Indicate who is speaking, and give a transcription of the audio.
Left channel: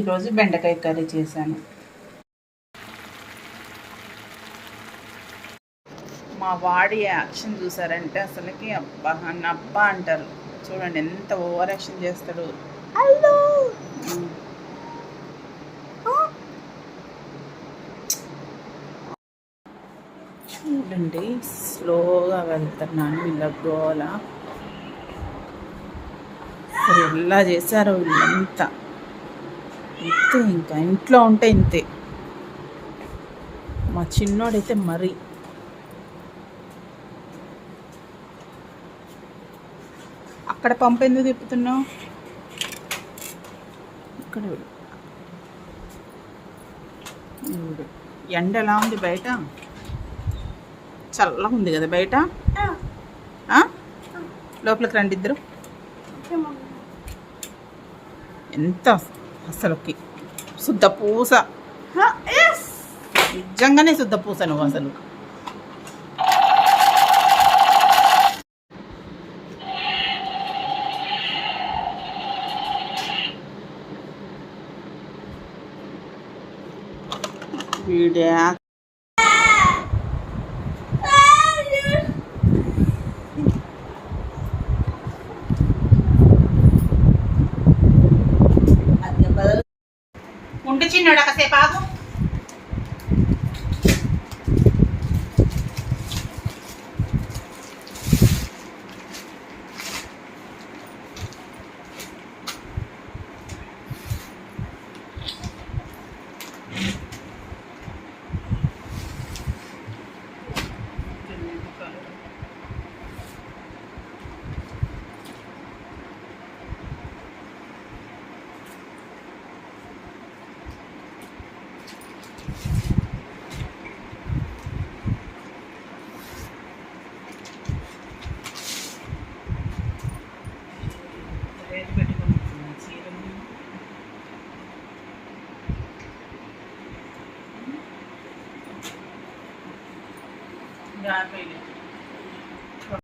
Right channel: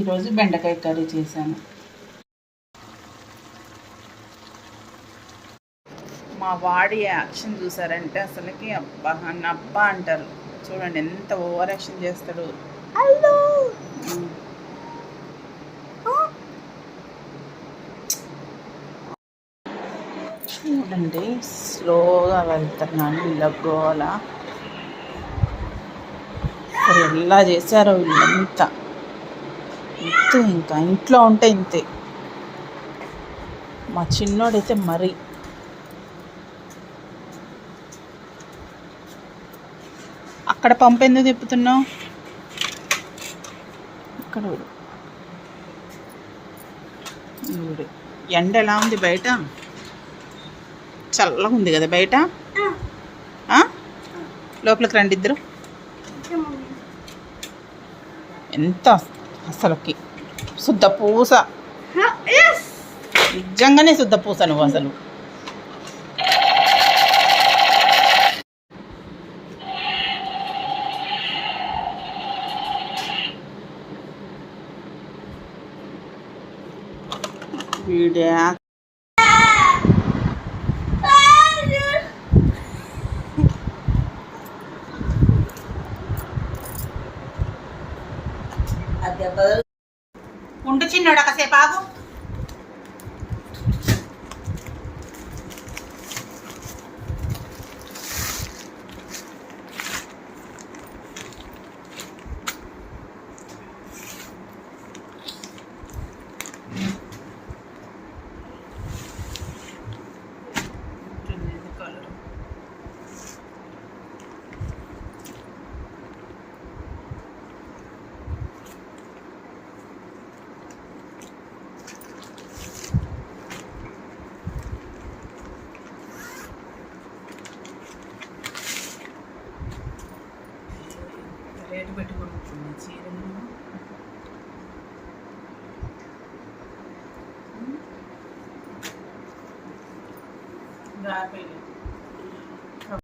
Speaker 1: ఈరోజు బెండకాయ కర్రీ చేశాను. మా వాడి యాక్షన్ చూసారంటే అసలుకి అబ్బా అన్న అబ్బా అంటారు. చూడండి ఎంత ఓవర్ యాక్షన్ చేస్తాడు. చూడండి స్లోగా వెళ్తున్నాను వీళ్ళ గోల. ఎలా చేశారో వీళ్ళంతా. ఇంతే ఇంకా ఇంట్లో ఉంటే ఇంతే. మా చిన్నోడైతే మరీ. అక్కడ పంపు ఎందుకు తిప్పుతున్నావు? ఇక్కడ ఎండ ఎలా ఉంది బయట? చల్లగా ఉంది కదా బయట? లోపలికి రండి ఇద్దరు. ఎంత అసలుకి. శుద్ధ పూస. నిజంగానే శుద్ధ పూస నువ్వు అసలు. వీడియా ఉండు చిన్నోడు కాసేపు ఆగు गार पहले